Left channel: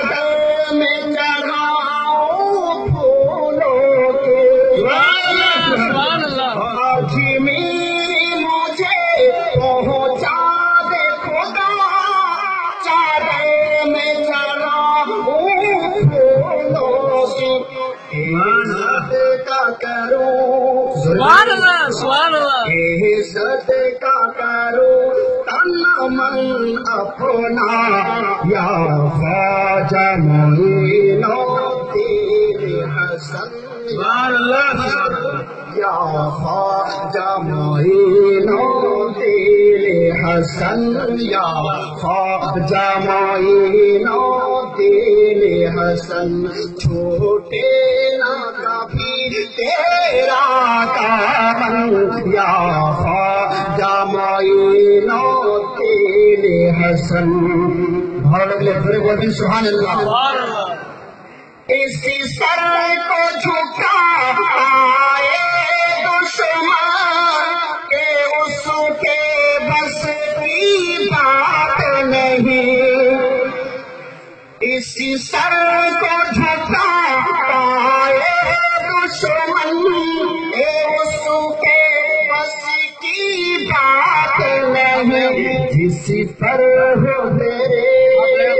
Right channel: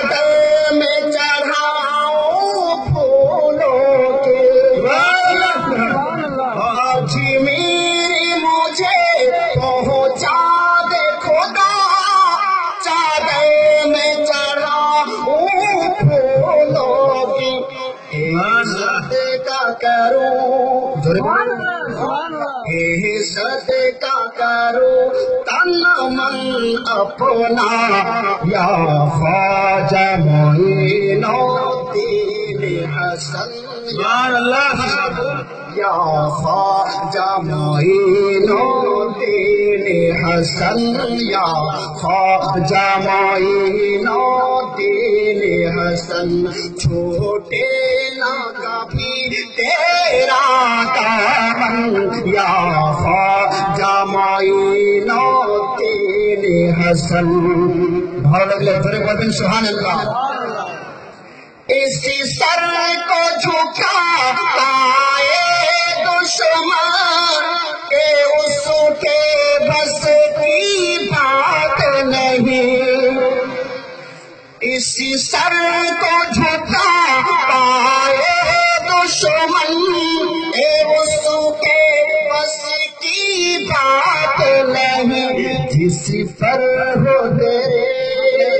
چادر میں چڑھاؤں پھولوں کے آج میری مجھے پہنچا دے خدا چادر میں چڑھاؤں پھولوں کی صدقہ کرو صدقہ کرو من اپنا یا خواجہ معین الدین حسن یا خواجہ معین الدین حسن یا خواجہ معین الدین حسن چھوٹے نہ کبھی تیرا دامن یا خواجہ معین الدین حسن بہت اگلے پھر بولیں سبحان اللہ اسی سر کو جھکا دشمن اس کے بس کی بات نہیں اسی سر کو جھکا دشمن اس کے بس کی بات نہیں جس پر ہو تیرے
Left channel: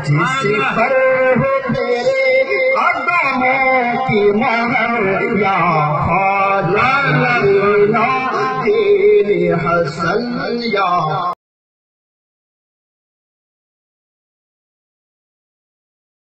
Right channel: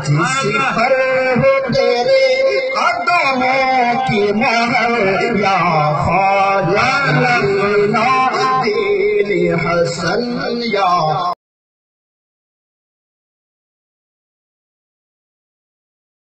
جس پر ہو تیرے قدموں کی مہر یا خواجہ معین الدین حسن یا